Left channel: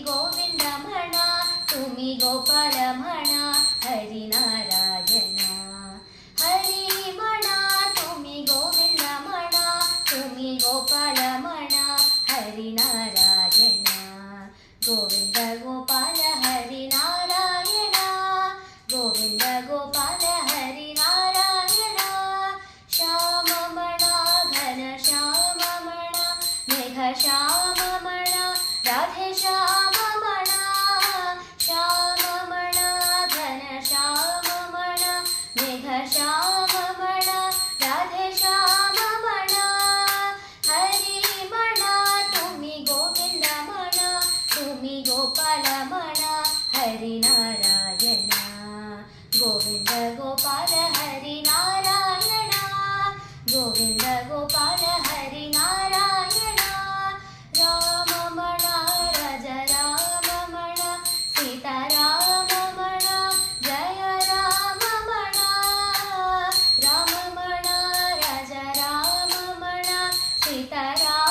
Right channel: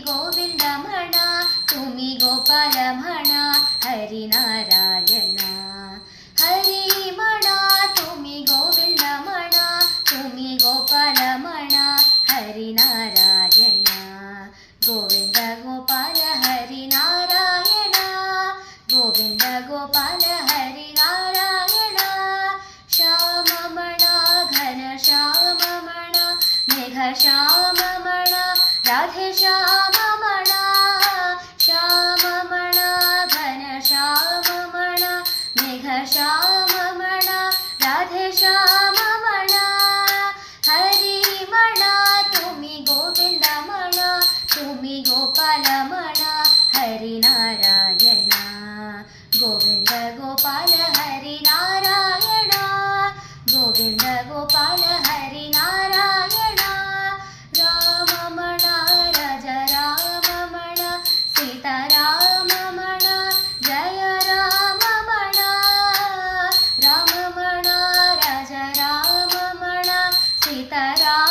ಗೋವಿಂದಮಣ ತುಮಿ ಗೋಪಾಲಮಣ ಹರಿನಾರಾಯಣ ಹರಿಮಣ ತುಮಿ ಗೋವಿಂದಮಣ ತುಮಿ ಗೋಪಾಲಮಣ ಹರಿನಾರಾಯಣ ಗೋವಿಂದ ಗೋಪಾಲ ಹರಿನಾರಾಯಣ ಗೋವಿಂದ ಗೋಪಾಲ ಹರಿನಾರಾಯಣ ಶ್ಯಾಮಮಣ ಘನ ಶ್ಯಾಮಮಣ ಮೇಘ ಶ್ಯಾಮಮಣ ರಾಧೆ ಶ್ಯಾಮಮಣ ಶ್ಯಾಮಮಣ ಘನ ಶ್ಯಾಮಮಣ ಮೇಘ ಶ್ಯಾಮಮಣ ರಾಧೆ ಶ್ಯಾಮಮಣ ಹರಿಮಣ ತುಮಿ ಗೋವಿಂದಮಣ ತುಮಿ ಗೋಪಾಲಮಣ ಹರಿನಾರಾಯಣ ಗೋವಿಂದ ಗೋಪಾಲ ಹರಿನಾರಾಯಣ ಗೋವಿಂದ ಗೋಪಾಲ ಹರಿನಾರಾಯಣ ರಾಮಮಣ ರಜ ರಾಮಮಣ ಸೀತಾರಾಮಮಣ ಜಯ ರಾಮಮಣ ರಾಮಮಣ ರಜ ರಾಮಮಣ ಸೀತಾರಾಮ